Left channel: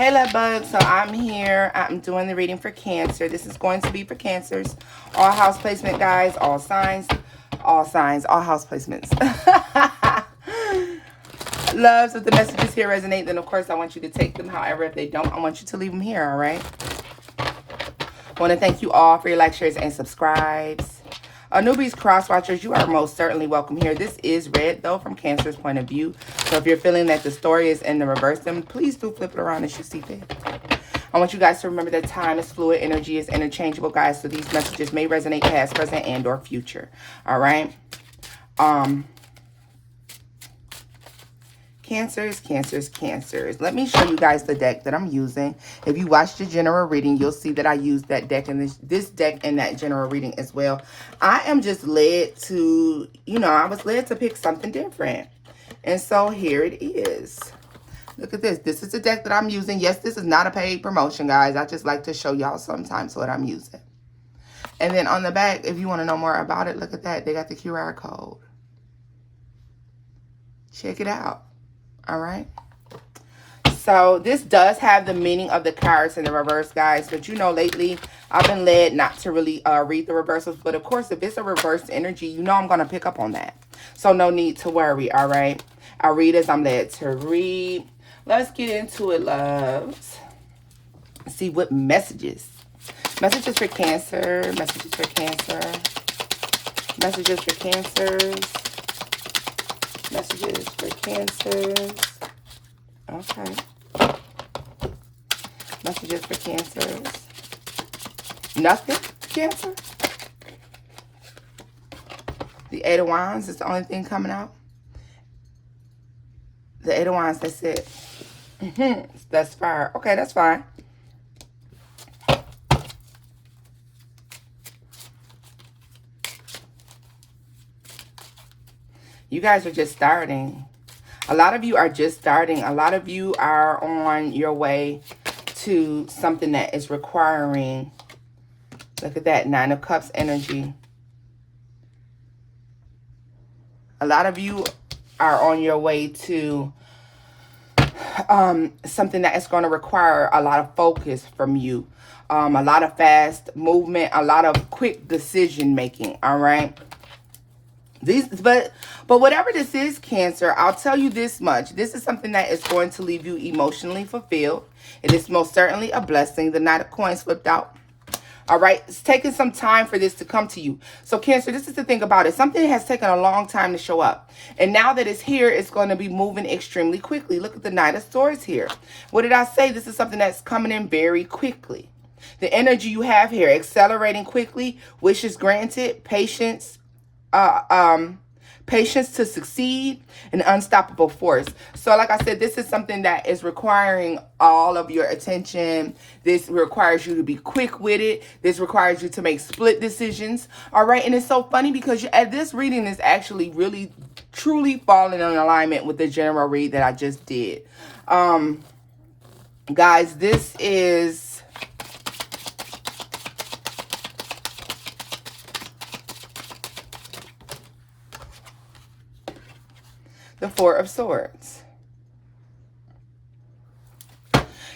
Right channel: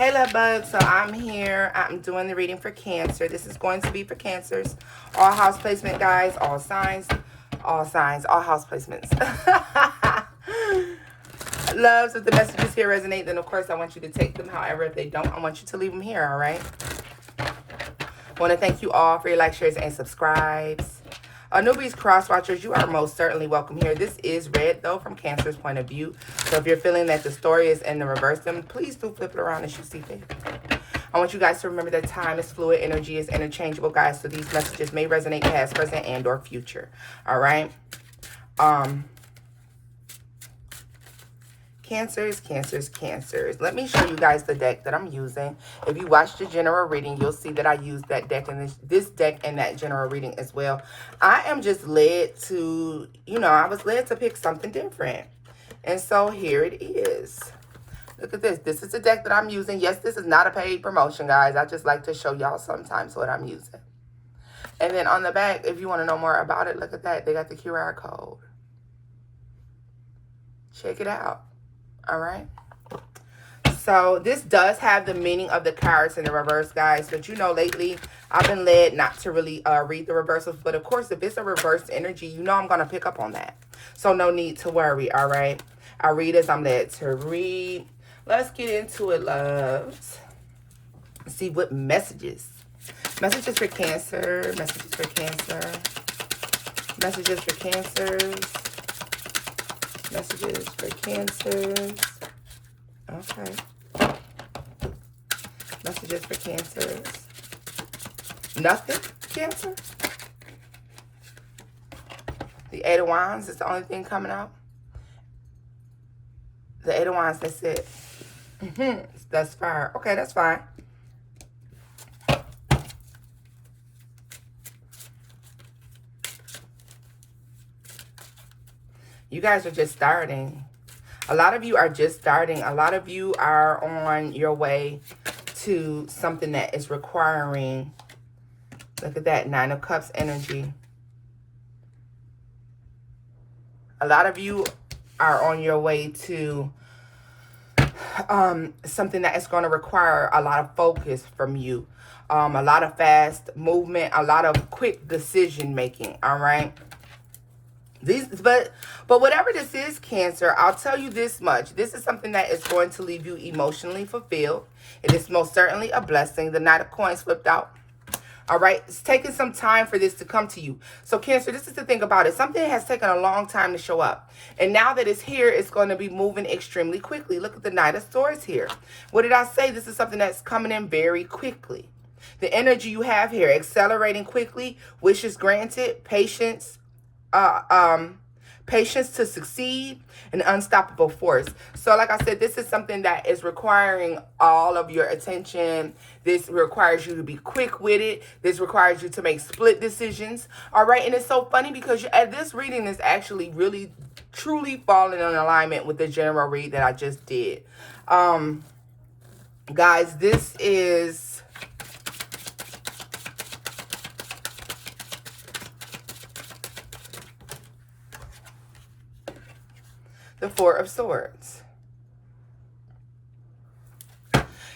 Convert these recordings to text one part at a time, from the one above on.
Hey love bug, so I'm here. I'm doing the reading for Cancer. This is going to be for Cancers. All house placement, guys, all signs, all house placements. Loves, if the messages here resonate, then of course I want you to take them. However, if they don't, I want you to leave them here, all right? I want to thank you all for your likes, shares, and subscribes. Newbies, cross watchers, you are most certainly welcome here. This is read, though, from Cancer's point of view. So if you're feeling that the story is in the reverse, then please do flip it around as you see fit. I want you guys to remember that time is fluid, energy is interchangeable, guys. So these messages may resonate past, present, and or future. All right? Cancers. Let me show you guys the deck that I'm using. If you watch the general reading, you'll see that I use that deck and this deck and that general reading as well. I am just led to, I was led to pick something different. And so here it is. Look at this. This is the deck that I'm using. Yes, this is not a paid promotion, guys. I just like to show y'all sometimes what I'm using. And then on the back, if you want to know more about it, look at that. They got the QR code. Check it out. All right, so this does have the meaning of the cards in the reverse, guys, but lately I've been led not to really read the reversals, but of course if it's a reverse energy, I'm going to pick up on that, so no need to worry. All right, I read as I'm led to read. Let's get into it, loves. See what messages for Cancer, messages for Cancers, messages for Cancers. Okay. Messages for Cancers. Nothing, Cancer. The Eight of Wands is the only thing coming out. The Eight of Wands, that's it. That's fire. Okay, that's fine. You guys are just starting. A lot of you are just starting. A lot of you are on your way to something that is requiring, look at that, Nine of Cups energy. A lot of you are on your way to something that is going to require a lot of focus from you. A lot of fast movement, a lot of quick decision making, all right? But whatever this is, Cancer, I'll tell you this much. This is something that is going to leave you emotionally fulfilled. It is most certainly a blessing. The Knight of Coins flipped out. All right, it's taking some time for this to come to you. So Cancer, this is the thing about it. Something has taken a long time to show up. And now that it's here, it's going to be moving extremely quickly. Look at the Knight of Swords here. What did I say? This is something that's coming in very quickly. The energy you have here, accelerating quickly, wishes granted, patience, patience to succeed, an unstoppable force. So like I said, this is something that is requiring all of your attention. This requires you to be quick with it. This requires you to make split decisions. All right. And it's so funny because this reading is actually really truly falling in alignment with the general read that I just did. Guys, this is the Four of Swords.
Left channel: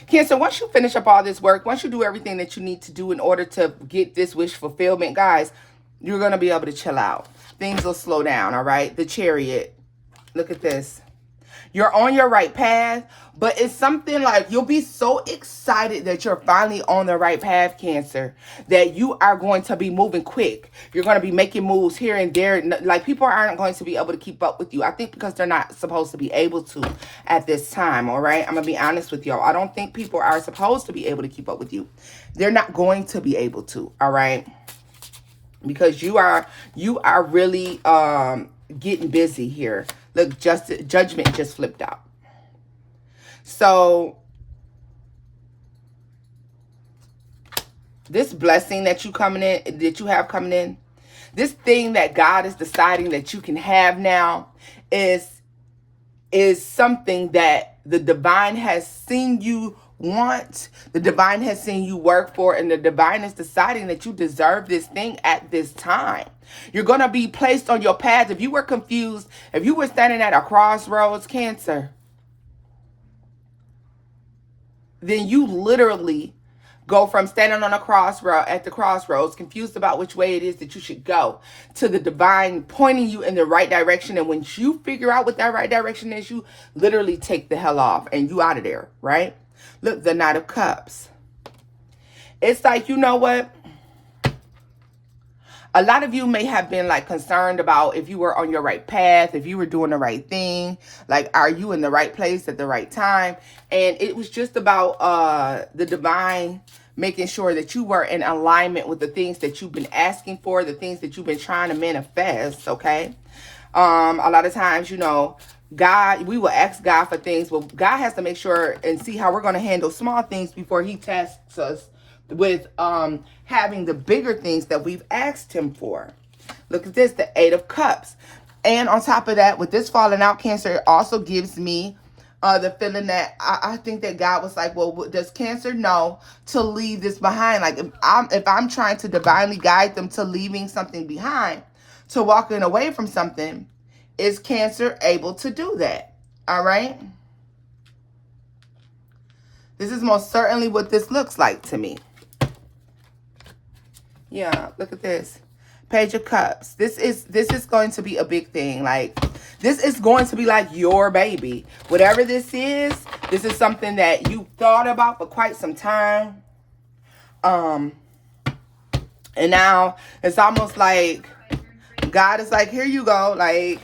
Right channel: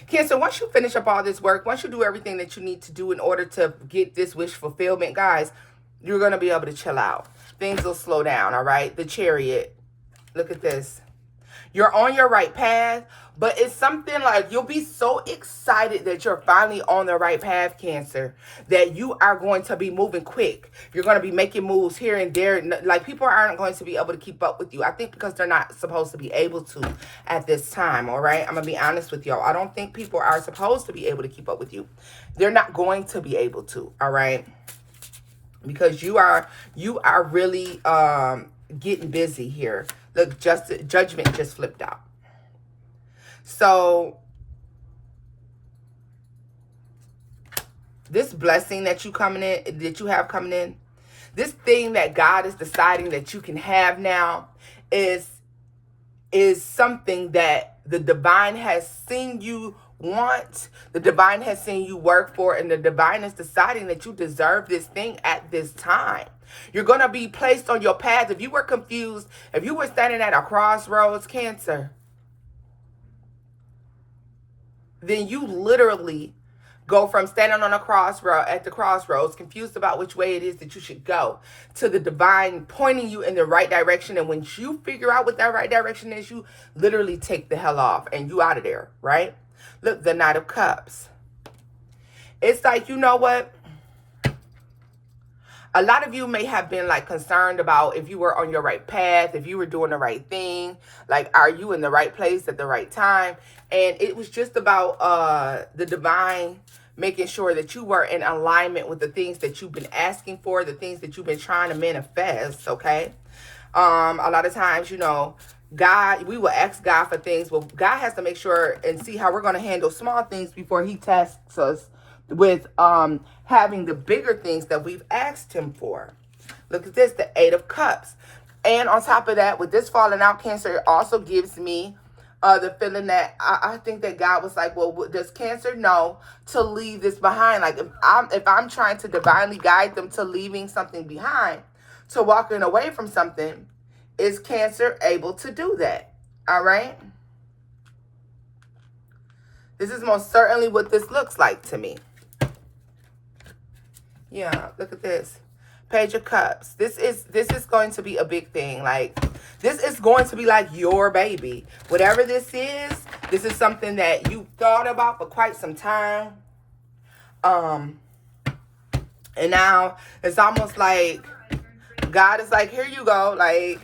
Cancer, once you finish up all this work, once you do everything that you need to do in order to get this wish fulfillment, guys, you're going to be able to chill out. Things will slow down, all right? The Chariot. Look at this. You're on your right path, but it's something like you'll be so excited that you're finally on the right path, Cancer, that you are going to be moving quick. You're going to be making moves here and there. Like, people aren't going to be able to keep up with you. I think because they're not supposed to be able to at this time, all right? I'm going to be honest with y'all. I don't think people are supposed to be able to keep up with you. They're not going to be able to, all right? Because you are really getting busy here. Look, Judgment just flipped out. So this blessing that you have coming in, this thing that God is deciding that you can have now is something that the divine has seen you want, the divine has seen you work for, and the divine is deciding that you deserve this thing at this time. You're going to be placed on your path. If you were confused, if you were standing at a crossroads, Cancer, then you literally go from standing on a crossroad at the crossroads, confused about which way it is that you should go, to the divine pointing you in the right direction. And when you figure out what that right direction is, you literally take the hell off and you out of there, right? Look, the Knight of Cups. It's like, you know what? A lot of you may have been like concerned about if you were on your right path, if you were doing the right thing, like, are you in the right place at the right time? And it was just about the divine making sure that you were in alignment with the things that you've been asking for, the things that you've been trying to manifest, okay? A lot of times, you know, God, we will ask God for things, but God has to make sure and see how we're going to handle small things before he tests us with having the bigger things that we've asked him for. Look at this, the Eight of Cups. And on top of that, with this falling out, Cancer, it also gives me the feeling that I think that God was like, well, does Cancer know to leave this behind? Like, if I'm trying to divinely guide them to leaving something behind, to walking away from something, is Cancer able to do that? All right? This is most certainly what this looks like to me. Yeah, look at this. Page of Cups. This is going to be a big thing. Like, this is going to be like your baby. Whatever this is something that you thought about for quite some time. And now it's almost like God is like, here you go. Like,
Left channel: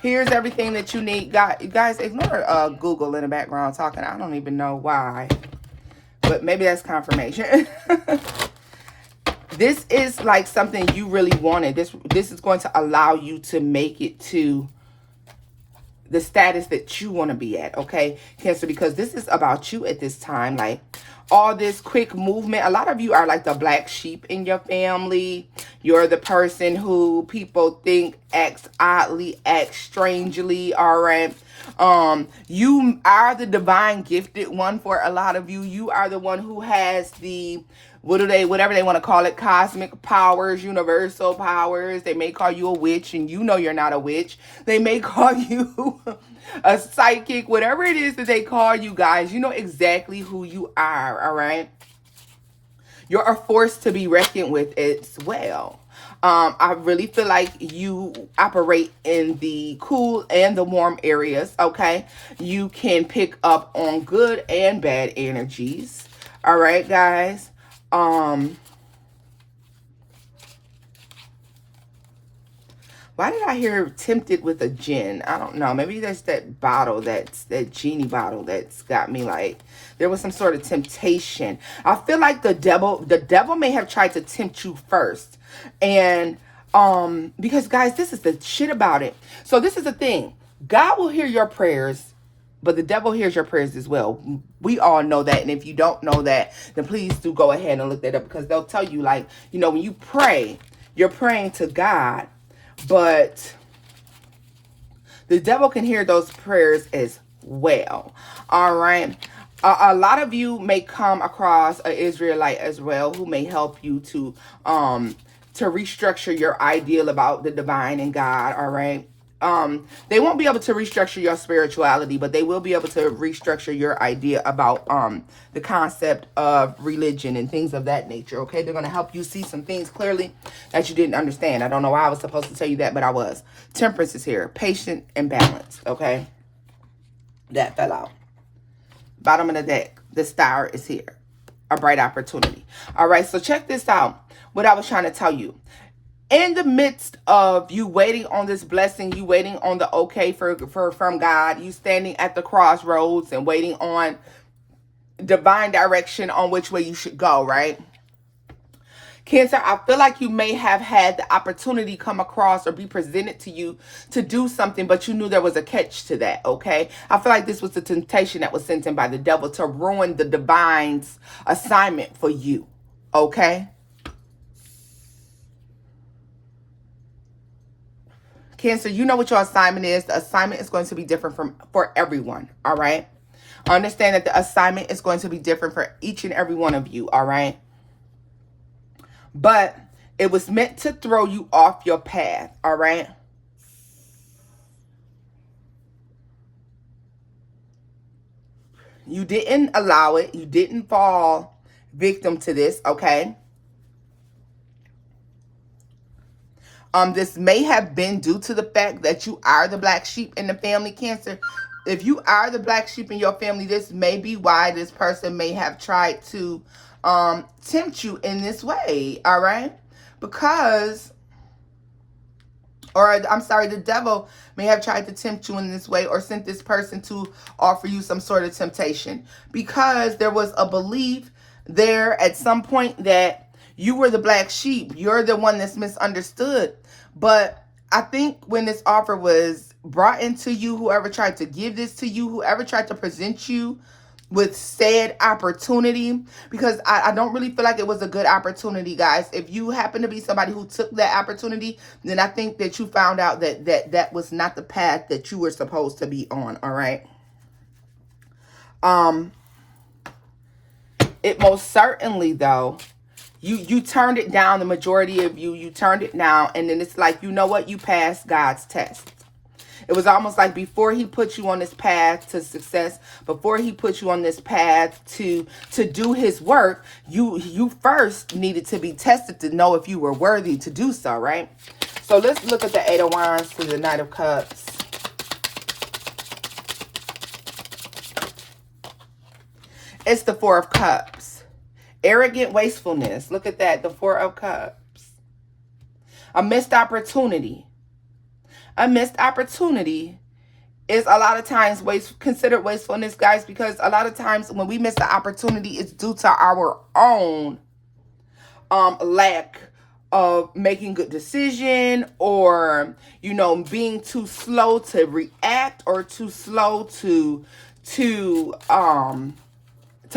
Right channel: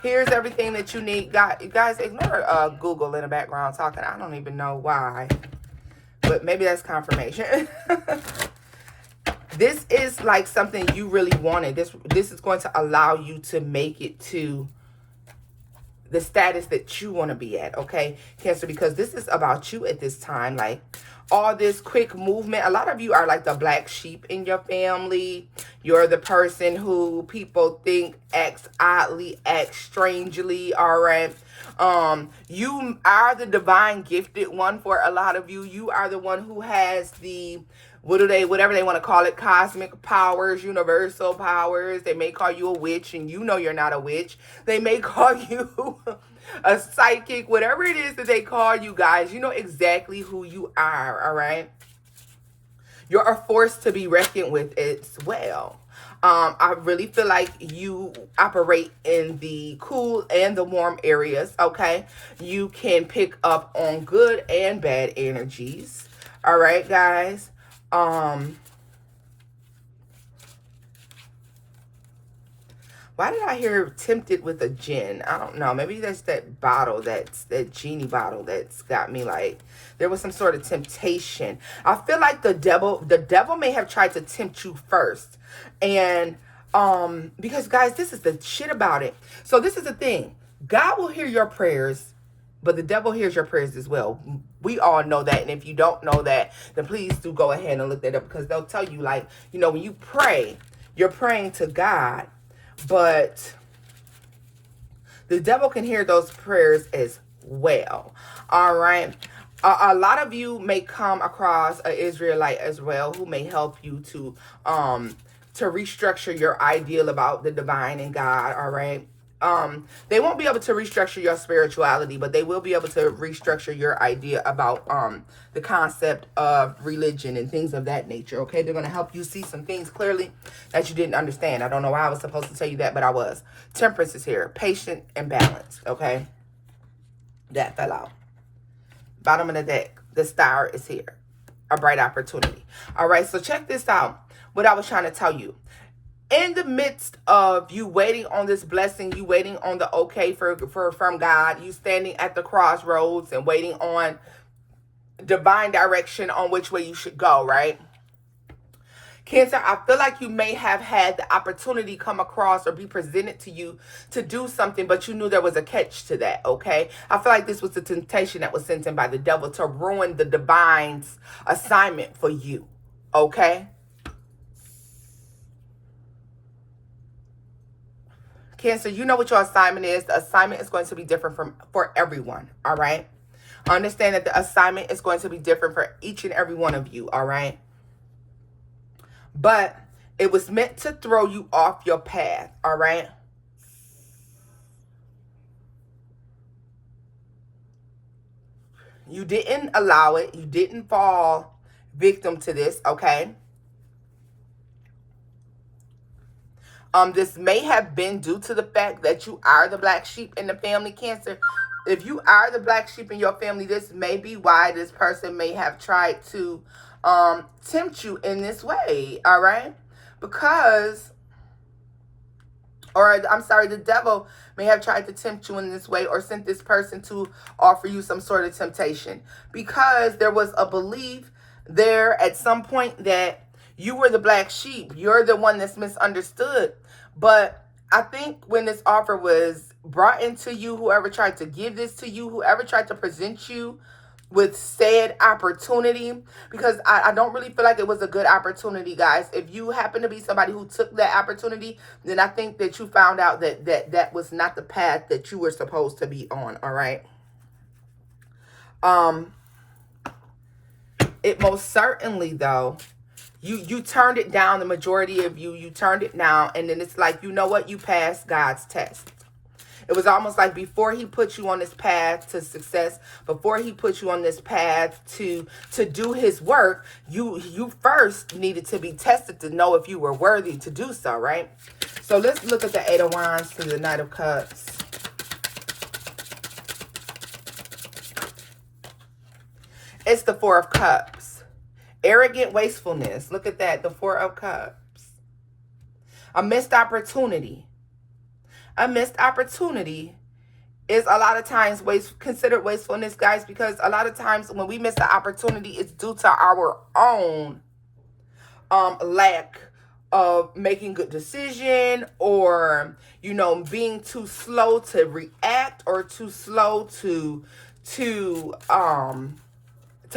here's everything that you need. God, you guys, ignore Google in the background talking. I don't even know why. But maybe that's confirmation. This is like something you really wanted. This is going to allow you to make it to the status that you want to be at, okay, Cancer? Because this is about you at this time. Like, all this quick movement. A lot of you are like the black sheep in your family. You're the person who people think acts oddly, acts strangely, all right? You are the divine gifted one for a lot of you. You are the one who has the, whatever they want to call it, cosmic powers, universal powers. They may call you a witch, and you know you're not a witch. They may call you a psychic, whatever it is that they call you guys. You know exactly who you are, all right? You're a force to be reckoned with as well. I really feel like you operate in the cool and the warm areas, okay? You can pick up on good and bad energies, all right, guys? Why did I hear tempted with a gin? I don't know. Maybe that's that bottle, that genie bottle that's got me like, there was some sort of temptation. I feel like the devil may have tried to tempt you first. And because guys, this is the shit about it. So this is the thing. God will hear your prayers, but the devil hears your prayers as well. We all know that. And if you don't know that, then please do go ahead and look that up, because they'll tell you, like, you know, when you pray, you're praying to God, but the devil can hear those prayers as well. All right. A lot of you may come across an Israelite as well who may help you to restructure your ideal about the divine and God. All right. They won't be able to restructure your spirituality, but they will be able to restructure your idea about the concept of religion and things of that nature, okay? They're going to help you see some things clearly that you didn't understand. I don't know why I was supposed to tell you that, but I was. Temperance is here. Patient and balanced, okay? That fell out. Bottom of the deck. The star is here. A bright opportunity. All right, so check this out. What I was trying to tell you. In the midst of you waiting on this blessing, you waiting on the okay from God, you standing at the crossroads and waiting on divine direction on which way you should go, right? Cancer, I feel like you may have had the opportunity come across or be presented to you to do something, but you knew there was a catch to that, okay? I feel like this was the temptation that was sent in by the devil to ruin the divine's assignment for you, okay? Cancer, you know what your assignment is. The assignment is going to be different for everyone, all right? Understand that the assignment is going to be different for each and every one of you, all right? But it was meant to throw you off your path, all right? You didn't allow it. You didn't fall victim to this, okay? This may have been due to the fact that you are the black sheep in the family, Cancer. If you are the black sheep in your family, this may be why this person may have tried to tempt you in this way, all right? Because, or I'm sorry, the devil may have tried to tempt you in this way, or sent this person to offer you some sort of temptation, because there was a belief there at some point that you were the black sheep. You're the one that's misunderstood. But I think when this offer was brought into you, whoever tried to give this to you, whoever tried to present you with said opportunity, because I don't really feel like it was a good opportunity, guys. If you happen to be somebody who took that opportunity, then I think that you found out that was not the path that you were supposed to be on, all right? It most certainly, though, you turned it down. The majority of you turned it down, and then it's like, you know what? You passed God's test. It was almost like before he put you on this path to success, before he put you on this path to do his work, you first needed to be tested to know if you were worthy to do so, right? So let's look at the Eight of Wands to the Knight of Cups. It's the Four of Cups. Arrogant wastefulness. Look at that, the Four of Cups. A missed opportunity. A missed opportunity is a lot of times considered wastefulness, guys, because a lot of times when we miss an opportunity, it's due to our own lack of making good decision, or, you know, being too slow to react, or too slow to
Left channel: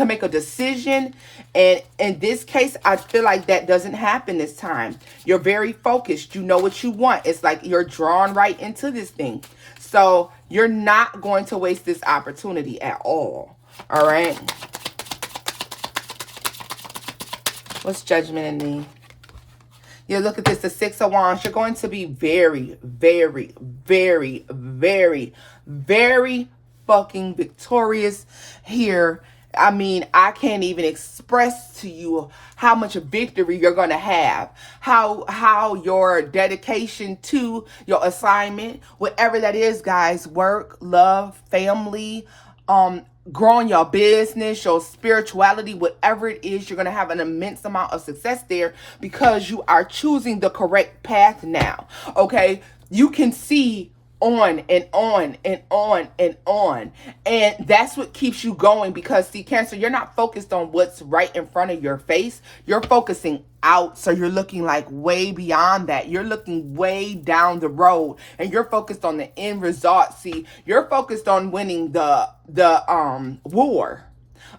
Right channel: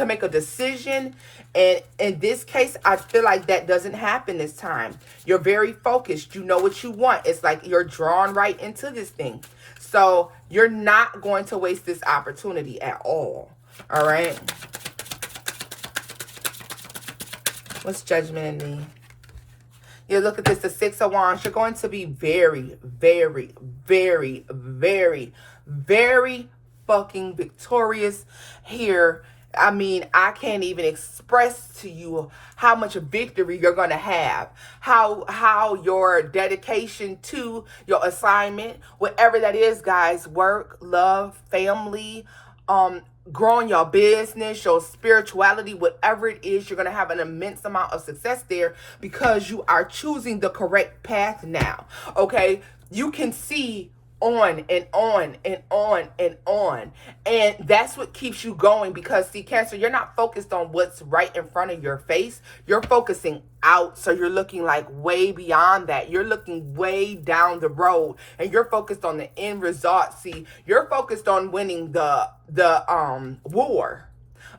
make a decision. And in this case, I feel like that doesn't happen this time. You're very focused. You know what you want. It's like you're drawn right into this thing. So you're not going to waste this opportunity at all. All right. What's Judgment in me? Yeah, look at this, the Six of Wands. You're going to be very, very, very, very, very fucking victorious here. I mean, I can't even express to you how much victory you're going to have, how your dedication to your assignment, whatever that is, guys, work, love, family, growing your business, your spirituality, whatever it is, you're going to have an immense amount of success there, because you are choosing the correct path now. Okay, you can see on and on and on and on, and that's what keeps you going. Because see, Cancer, you're not focused on what's right in front of your face. You're focusing out, so you're looking like way beyond that. You're looking way down the road, and you're focused on the end result. See, you're focused on winning the war.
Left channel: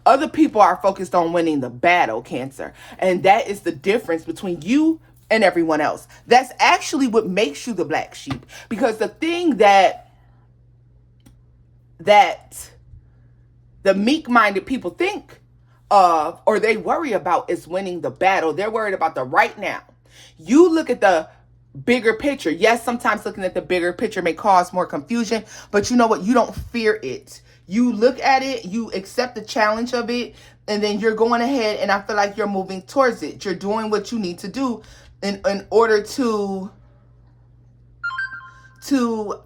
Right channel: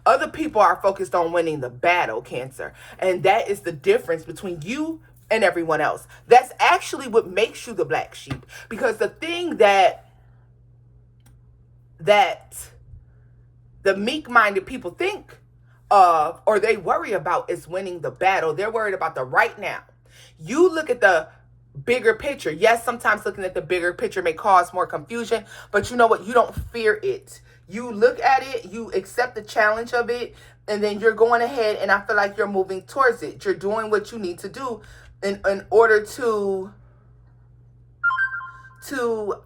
Other people are focused on winning the battle, Cancer, and that is the difference between you and everyone else. That's actually what makes you the black sheep. Because the thing that the meek-minded people think of, or they worry about, is winning the battle. They're worried about the right now. You look at the bigger picture. Yes, sometimes looking at the bigger picture may cause more confusion, but you know what? You don't fear it. You look at it, you accept the challenge of it, and then you're going ahead, and I feel like you're moving towards it. You're doing what you need to do in order to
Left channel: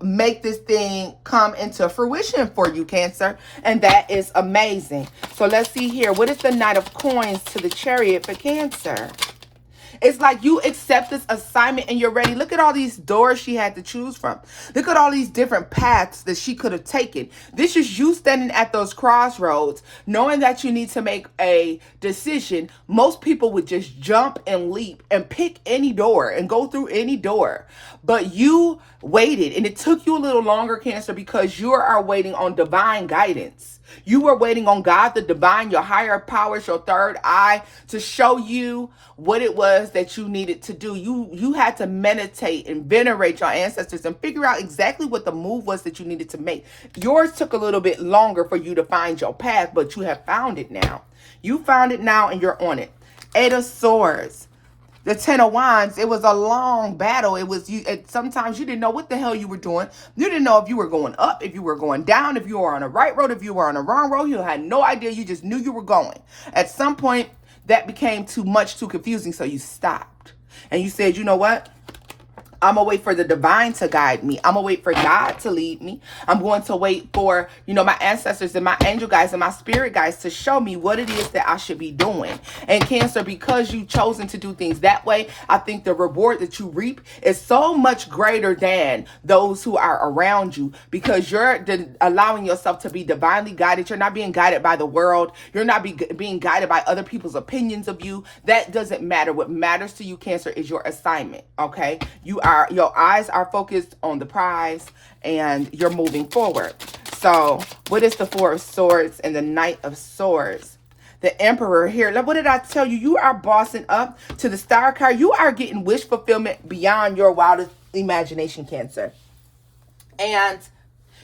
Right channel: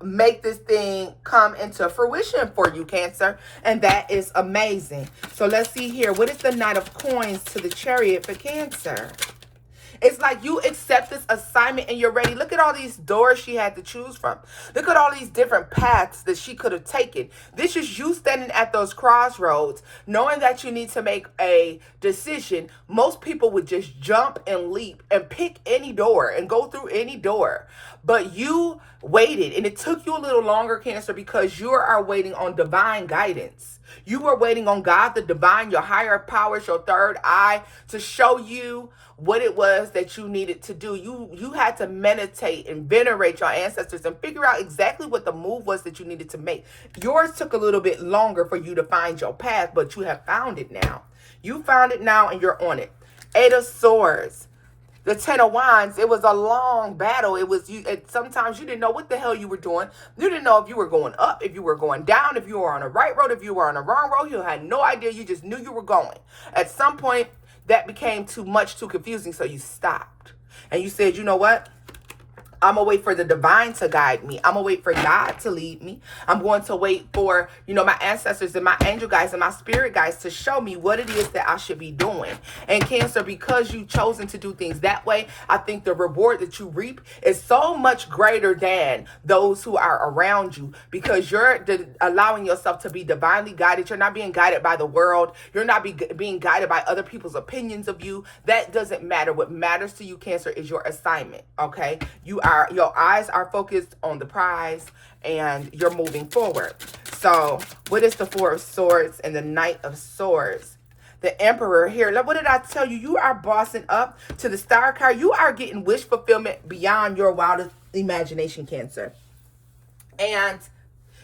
make this thing come into fruition for you, Cancer. And that is amazing. So let's see here. What is the Knight of Coins to the Chariot for Cancer? It's like you accept this assignment and you're ready. Look at all these doors she had to choose from. Look at all these different paths that she could have taken. This is you standing at those crossroads, knowing that you need to make a decision. Most people would just jump and leap and pick any door and go through any door. But you waited, and it took you a little longer, Cancer, because you are waiting on divine guidance. You were waiting on God, the divine, your higher powers, your third eye, to show you what it was that you needed to do. You had to meditate and venerate your ancestors and figure out exactly what the move was that you needed to make. Yours took a little bit longer for you to find your path, but you have found it now. You found it now, and you're on it. Eight of Swords. The Ten of Wands, it was a long battle. It was you. Sometimes you didn't know what the hell you were doing. You didn't know if you were going up, if you were going down, if you were on the right road, if you were on the wrong road. You had no idea. You just knew you were going. At some point, that became too much, too confusing. So you stopped and you said, you know what? I'm going to wait for the divine to guide me. I'm going to wait for God to lead me. I'm going to wait for, you know, my ancestors and my angel guides and my spirit guides to show me what it is that I should be doing. And Cancer, because you've chosen to do things that way, I think the reward that you reap is so much greater than those who are around you, because you're allowing yourself to be divinely guided. You're not being guided by the world. You're not being guided by other people's opinions of you. That doesn't matter. What matters to you, Cancer, is your assignment, okay? Your eyes are focused on the prize and you're moving forward. So what is the Four of Swords and the Knight of Swords? The Emperor here. What did I tell you? You are bossing up to the Star card. You are getting wish fulfillment beyond your wildest imagination, Cancer. And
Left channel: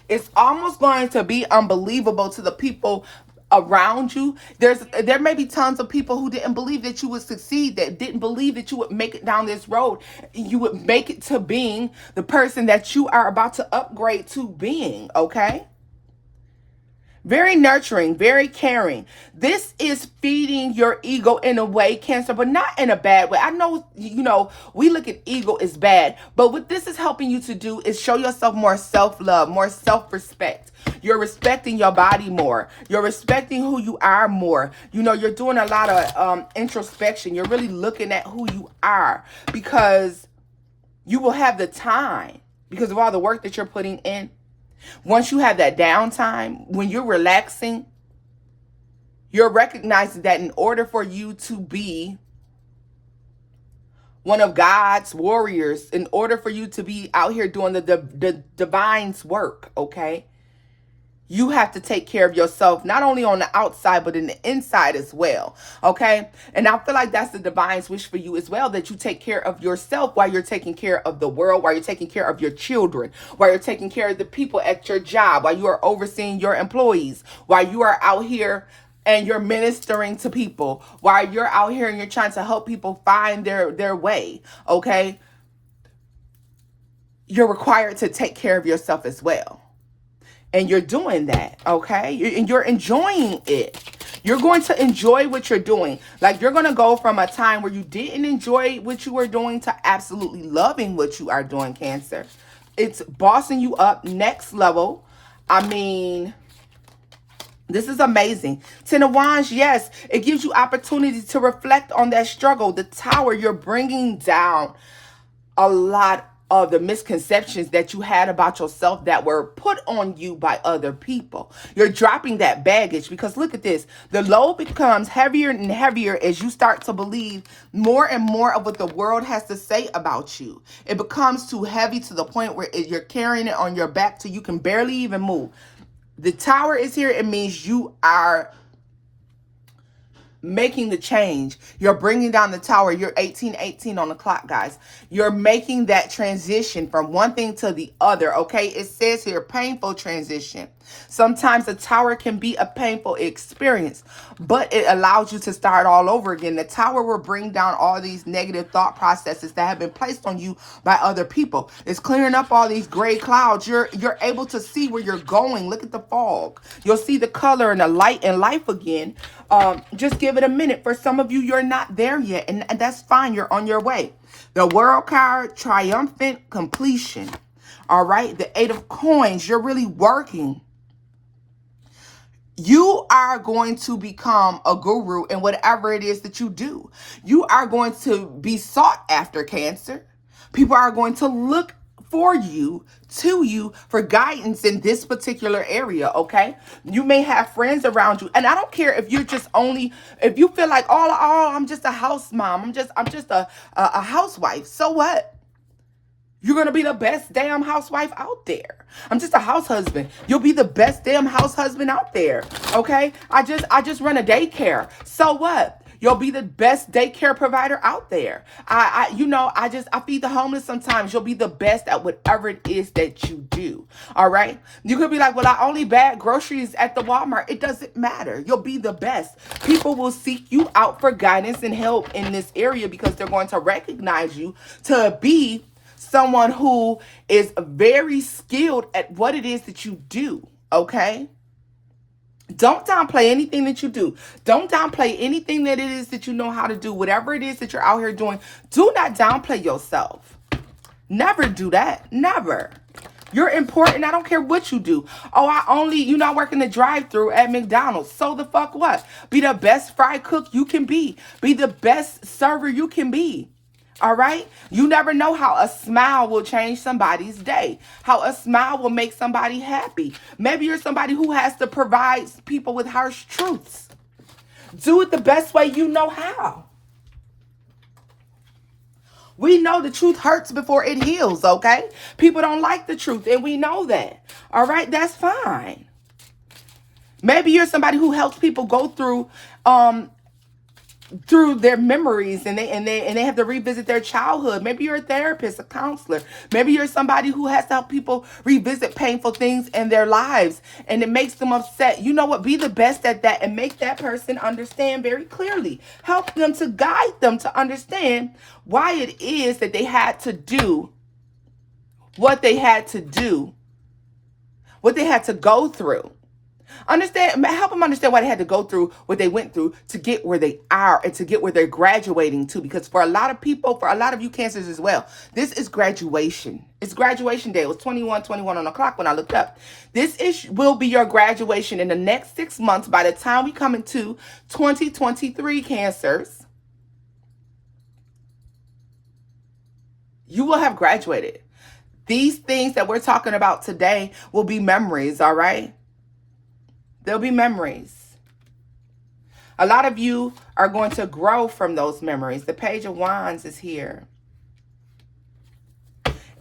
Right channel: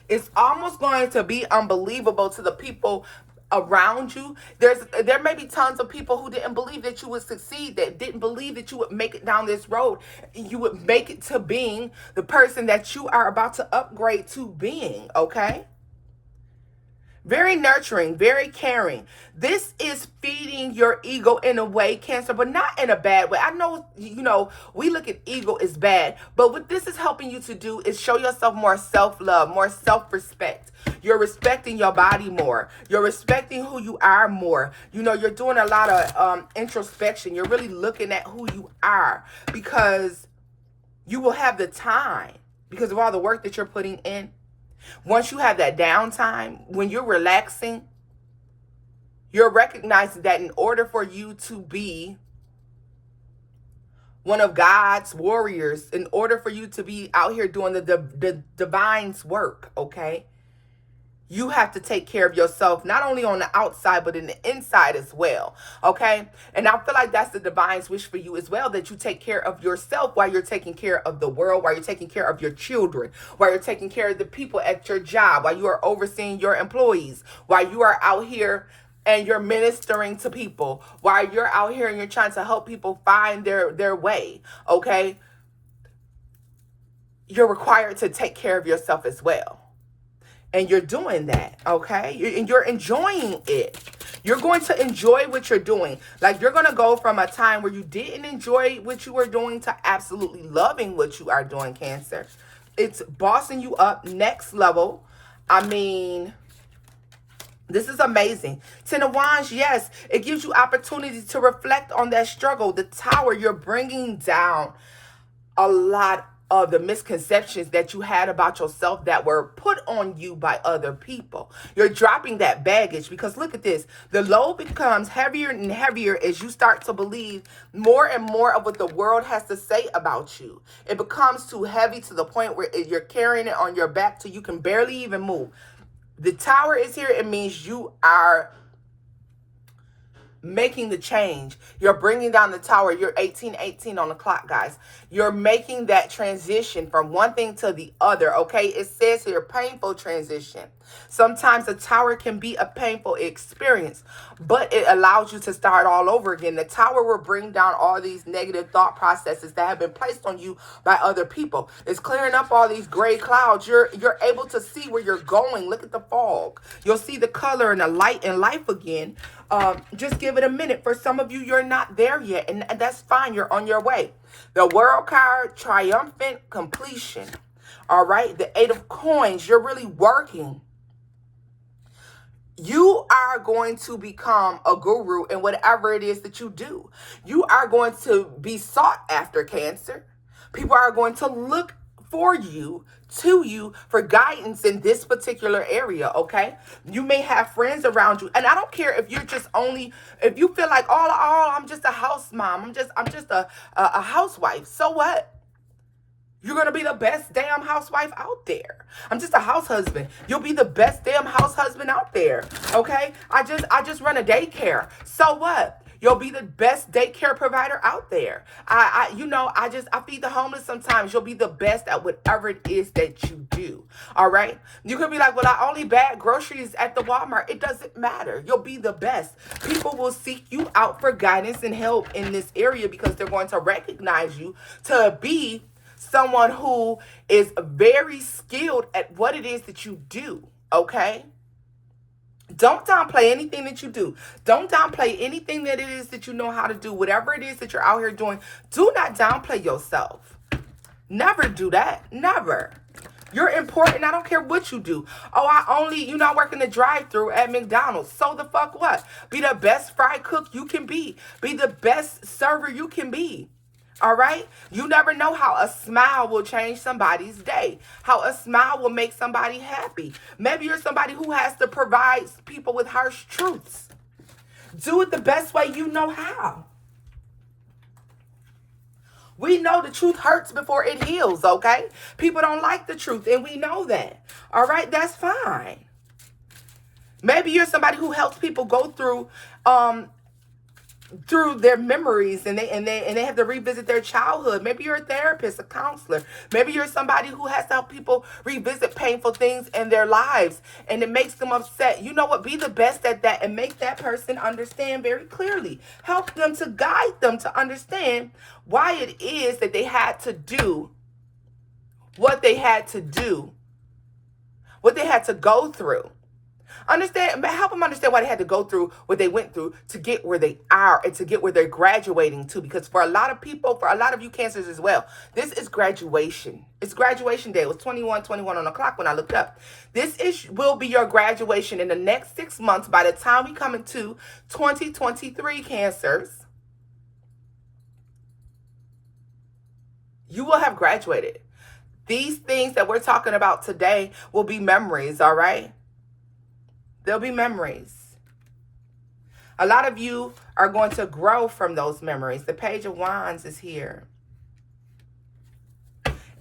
it's almost going to be unbelievable to the people around you. There may be tons of people who didn't believe that you would succeed, that didn't believe that you would make it down this road. You would make it to being the person that you are about to upgrade to being, okay? Very nurturing, very caring. This is feeding your ego in a way, Cancer, but not in a bad way. I know, you know, we look at ego as bad, but what this is helping you to do is show yourself more self-love, more self-respect. You're respecting your body more. You're respecting who you are more. You know, you're doing a lot of introspection. You're really looking at who you are, because you will have the time because of all the work that you're putting in. Once you have that downtime, when you're relaxing, you're recognizing that in order for you to be one of God's warriors, in order for you to be out here doing the divine's work, okay, you have to take care of yourself, not only on the outside, but in the inside as well, okay? And I feel like that's the divine's wish for you as well, that you take care of yourself while you're taking care of the world, while you're taking care of your children, while you're taking care of the people at your job, while you are overseeing your employees, while you are out here and you're ministering to people, while you're out here and you're trying to help people find their way, okay? You're required to take care of yourself as well. And you're doing that, okay? And you're enjoying it. You're going to enjoy what you're doing. Like, you're going to go from a time where you didn't enjoy what you were doing to absolutely loving what you are doing, Cancer. It's bossing you up next level. I mean, this is amazing. Ten of Wands, yes, it gives you opportunity to reflect on that struggle. The Tower, you're bringing down a lot of the misconceptions that you had about yourself that were put on you by other people. You're dropping that baggage, because look at this. The load becomes heavier and heavier as you start to believe more and more of what the world has to say about you. It becomes too heavy to the point where you're carrying it on your back till you can barely even move. The Tower is here. It means you are making the change. You're bringing down the Tower. You're 1818 on the clock, guys. You're making that transition from one thing to the other, okay? It says here, painful transition. Sometimes the Tower can be a painful experience, but it allows you to start all over again. The Tower will bring down all these negative thought processes that have been placed on you by other people. It's clearing up all these gray clouds. You're able to see where you're going. Look at the fog. You'll see the color and the light in life again. Just give it a minute. For some of you, you're not there yet, and that's fine. You're on your way. The World card, triumphant completion. All right, the Eight of Coins, you're really working. You are going to become a guru in whatever it is that you do. You are going to be sought after, Cancer. People are going to look for you, to you, for guidance in this particular area, okay? You may have friends around you, and I don't care if you're just only, if you feel like, oh, I'm just a house mom, I'm just a housewife. So what? You're going to be the best damn housewife out there. I'm just a house husband. You'll be the best damn house husband out there, okay? I just run a daycare. So what? You'll be the best daycare provider out there. I feed the homeless sometimes. You'll be the best at whatever it is that you do. All right. You could be like, well, I only bag groceries at the Walmart. It doesn't matter. You'll be the best. People will seek you out for guidance and help in this area because they're going to recognize you to be someone who is very skilled at what it is that you do. Okay. Don't downplay anything that you do. Don't downplay anything that it is that you know how to do. Whatever it is that you're out here doing, do not downplay yourself. Never do that. Never. You're important. I don't care what you do. Oh, you're not working the drive-thru at McDonald's. So the fuck what? Be the best fry cook you can be. Be the best server you can be. All right? You never know how a smile will change somebody's day. How a smile will make somebody happy. Maybe you're somebody who has to provide people with harsh truths. Do it the best way you know how. We know the truth hurts before it heals, okay? People don't like the truth, and we know that. All right? That's fine. Maybe you're somebody who helps people go through their memories and they have to revisit their childhood. Maybe you're a therapist, a counselor. Maybe you're somebody who has to help people revisit painful things in their lives and it makes them upset. You know what? Be the best at that and make that person understand very clearly. Help them to guide them to understand why it is that they had to do what they had to do, what they had to go through. Help them understand why they had to go through what they went through to get where they are and to get where they're graduating to. Because for a lot of people, for a lot of you Cancers as well, this is graduation. It's graduation day. It was 21 on the clock when I looked up. Will be your graduation in the next 6 months. By the time we come into 2023, Cancers, you will have graduated. These things that we're talking about today will be memories, all right? They'll be memories. A lot of you are going to grow from those memories. The Page of Wands is here.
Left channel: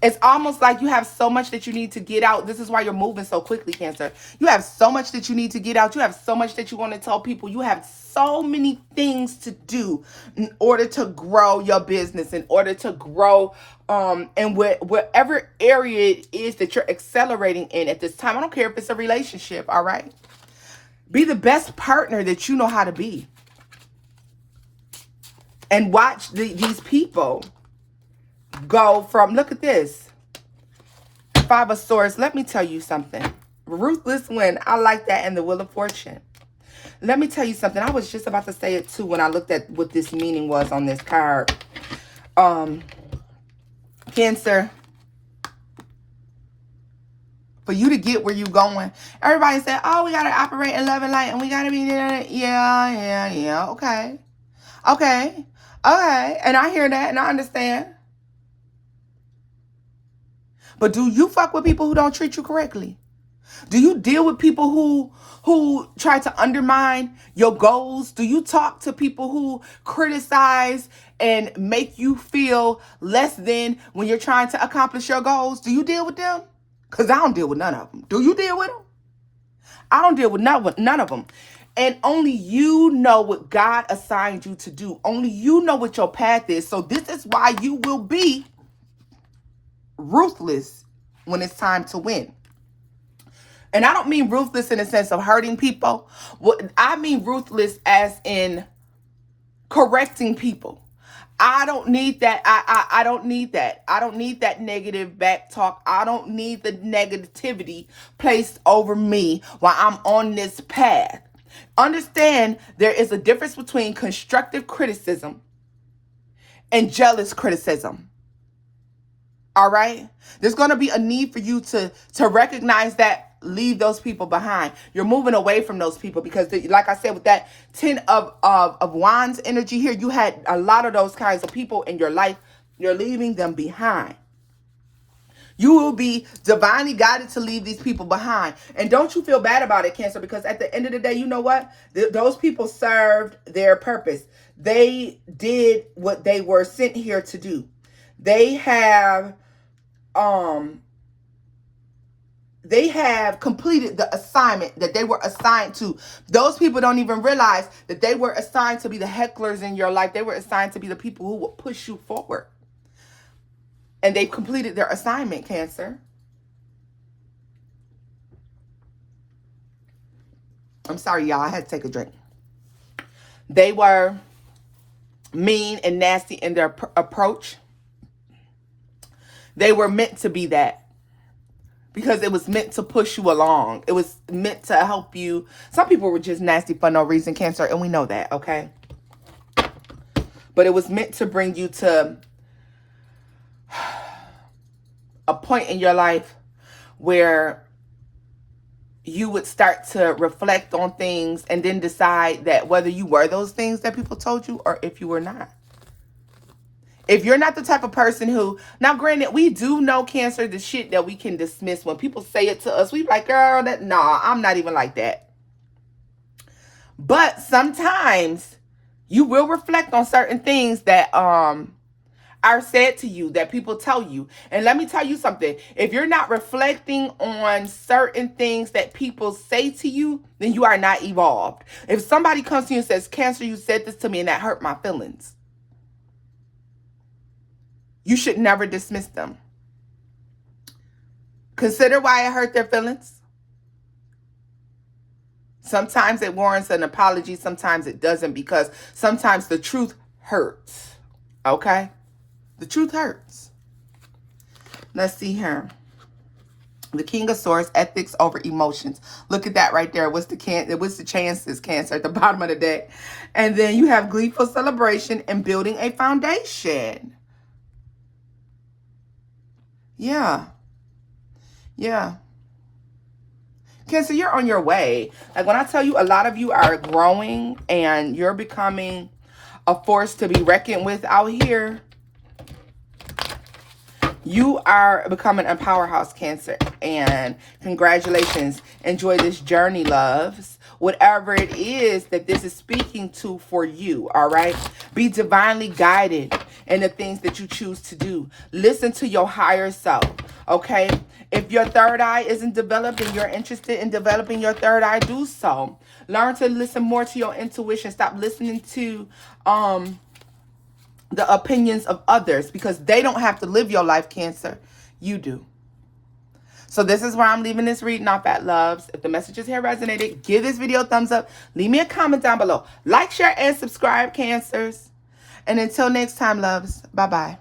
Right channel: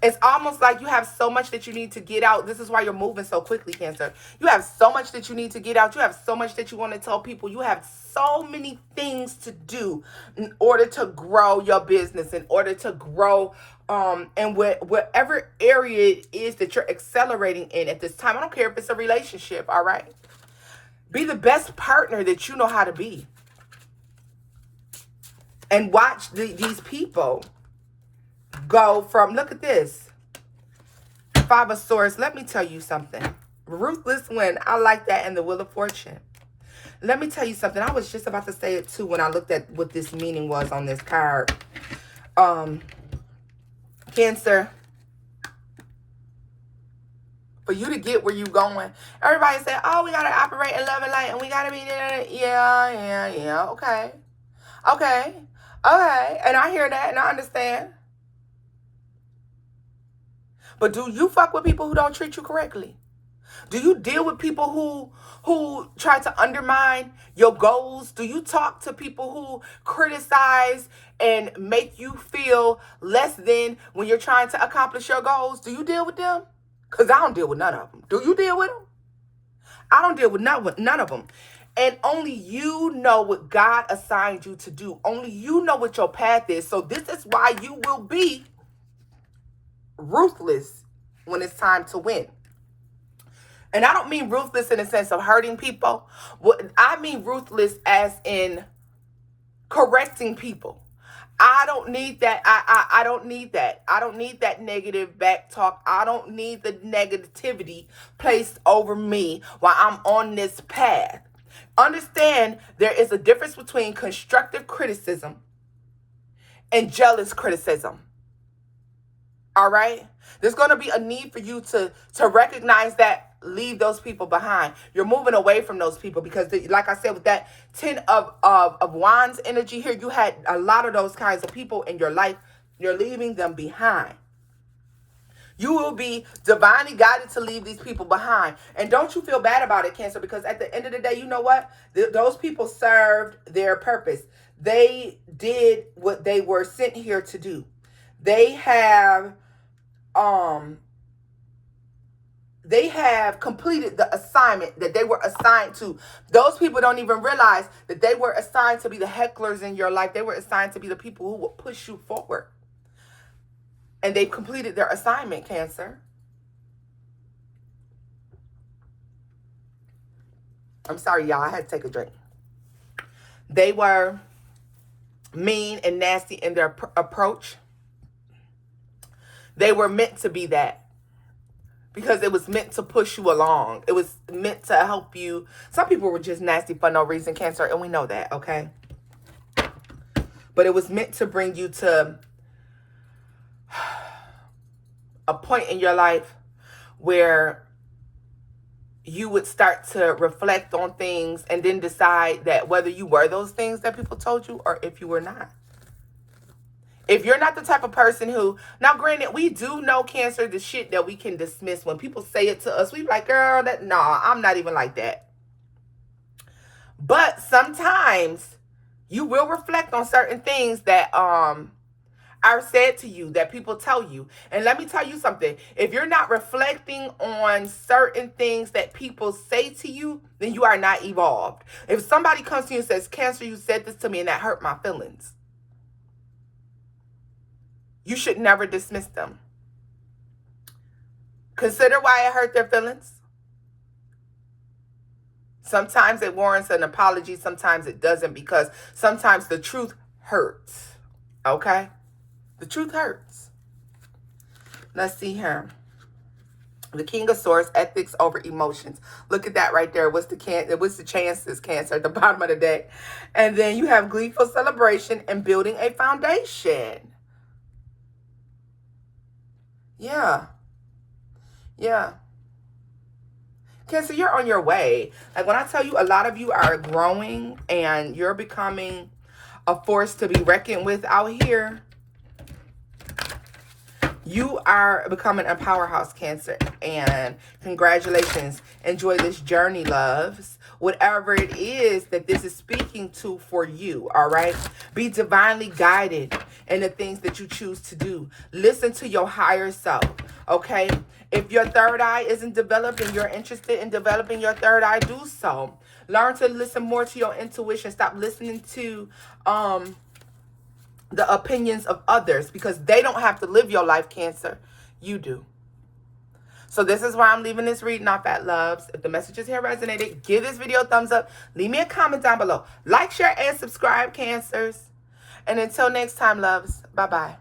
It's almost like you have so much that you need to get out. This is why you're moving so quickly, Cancer. You have so much that you need to get out. You have so much that you want to tell people. You have so many things to do in order to grow your business, in order to grow in whatever area it is that you're accelerating in at this time. I don't care if it's a relationship, all right? Be the best partner that you know how to be. And watch these people go from, look at this. 5 of Swords. Let me tell you something. Ruthless win. I like that. And the Wheel of Fortune. Let me tell you something. I was just about to say it too when I looked at what this meaning was on this card. Cancer. For you to get where you're going. Everybody said, oh, we got to operate in love and light and we got to be there. Yeah. Okay. And I hear that and I understand. But do you fuck with people who don't treat you correctly? Do you deal with people who try to undermine your goals? Do you talk to people who criticize and make you feel less than when you're trying to accomplish your goals? Do you deal with them? Because I don't deal with none of them. Do you deal with them? I don't deal with none of them. And only you know what God assigned you to do. Only you know what your path is. So this is why you will be ruthless when it's time to win. And I don't mean ruthless in the sense of hurting people. I mean ruthless as in correcting people. I don't need that. I don't need that. I don't need that negative back talk. I don't need the negativity placed over me while I'm on this path. Understand there is a difference between constructive criticism and jealous criticism. All right? There's going to be a need for you to recognize that. Leave those people behind. You're moving away from those people because, like I said, with that 10 of Wands energy here, you had a lot of those kinds of people in your life. You're leaving them behind. You will be divinely guided to leave these people behind. And don't you feel bad about it, Cancer, because at the end of the day, you know what? Those people served their purpose. They did what they were sent here to do. They have They have completed the assignment that they were assigned to. Those people don't even realize that they were assigned to be the hecklers in your life. They were assigned to be the people who will push you forward. And they've completed their assignment, Cancer. I'm sorry, y'all. I had to take a drink. They were mean and nasty in their approach. They were meant to be that. Because it was meant to push you along. It was meant to help you. Some people were just nasty for no reason, Cancer, and we know that, okay? But it was meant to bring you to a point in your life where you would start to reflect on things and then decide that whether you were those things that people told you or if you were not. If you're not the type of person who, now granted, we do know, Cancer, the shit that we can dismiss. When people say it to us, we be like, girl, nah, I'm not even like that. But sometimes you will reflect on certain things that are said to you, that people tell you. And let me tell you something. If you're not reflecting on certain things that people say to you, then you are not evolved. If somebody comes to you and says, Cancer, you said this to me and that hurt my feelings, you should never dismiss them. Consider why it hurt their feelings. Sometimes it warrants an apology. Sometimes it doesn't, because sometimes the truth hurts. Okay? The truth hurts. Let's see here. The King of Swords, ethics over emotions. Look at that right there. What's the chances, Cancer, at the bottom of the deck? And then you have gleeful celebration and building a foundation. Yeah. Cancer, you're on your way. Like when I tell you, a lot of you are growing and you're becoming a force to be reckoned with out here. You are becoming a powerhouse, Cancer. And congratulations. Enjoy this journey, loves. Whatever it is that this is speaking to for you, all right? Be divinely guided in the things that you choose to do. Listen to your higher self, okay? If your third eye isn't developed and you're interested in developing your third eye, do so. Learn to listen more to your intuition. Stop listening to the opinions of others, because they don't have to live your life, Cancer. You do. So this is where I'm leaving this reading off at, loves. If the messages here resonated, give this video a thumbs up. Leave me a comment down below. Like, share, and subscribe, Cancers. And until next time, loves. Bye-bye.